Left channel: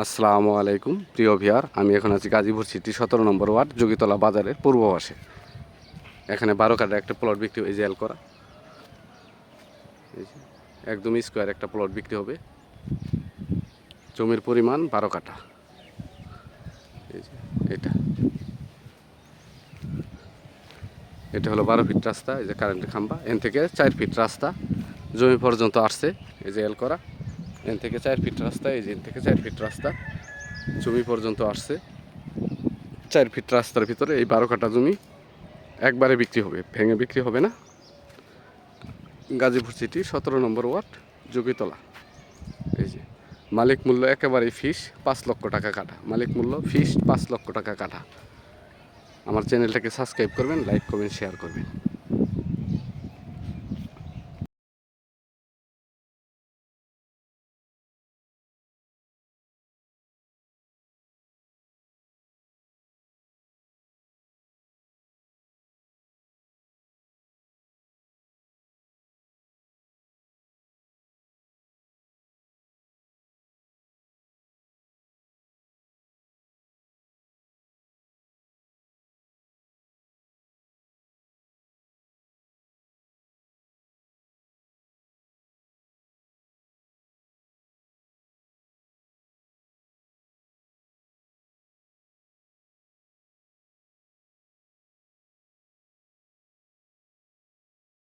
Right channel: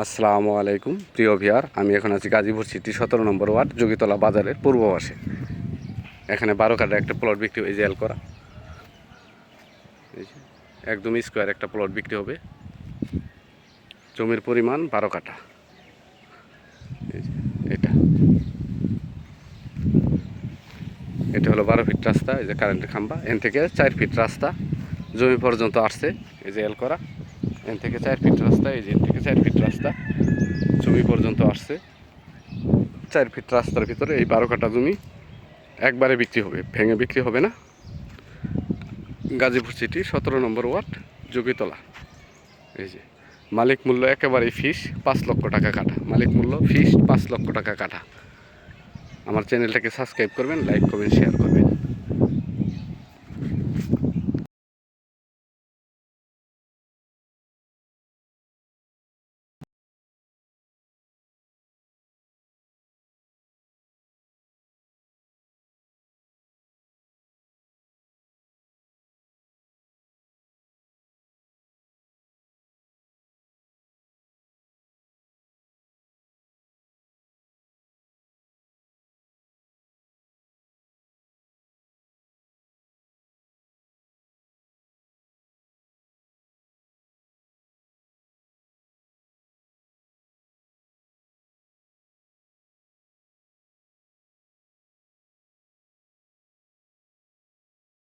আসসালামু আলাইকুম প্রিয় ভিউয়ার, আমি এখন আছি গাজীপুর সিটি 17 নম্বর ওয়ার্ড যোগীতলা বাজারের পূর্ব পাশে। এখানে 12 কাঠা একটা প্লট বিক্রি হয়ে জেল করা, এই যে একদম স্কোয়ার একটা প্লট বিক্রি হবে। জমির পরিমাণ 12 কাঠা। এই যে এটা হলো 12 ফিট রাস্তা। এই যে কারেন্টের খাম্বা, এন থেকে 4 ফিট রাস্তা জমি পর্যন্ত আসছে। এই যে এল করা, এন থেকে 4 ফিট রাস্তা, এই যে এন থেকে 4 ফিট রাস্তা জমি পর্যন্ত আসছে। 4 ফিট রাস্তার ভিতরে এই 12 কাঠা জমি একবারে বিক্রি হবে, ভেঙে বিক্রি হবে না। গাজীপুর সিটি 17 নম্বর ওয়ার্ড যোগীতলা। এই যে মালিক মূল্য একেবারেই ফিস 5 লক্ষ টাকা কাঠা। মালিক মূল্য ফিস 5 লক্ষ টাকা কাঠা। আমার চ্যানেলটাকে সাবস্ক্রাইব করবেন, লাইক করবেন, শেয়ার করবেন।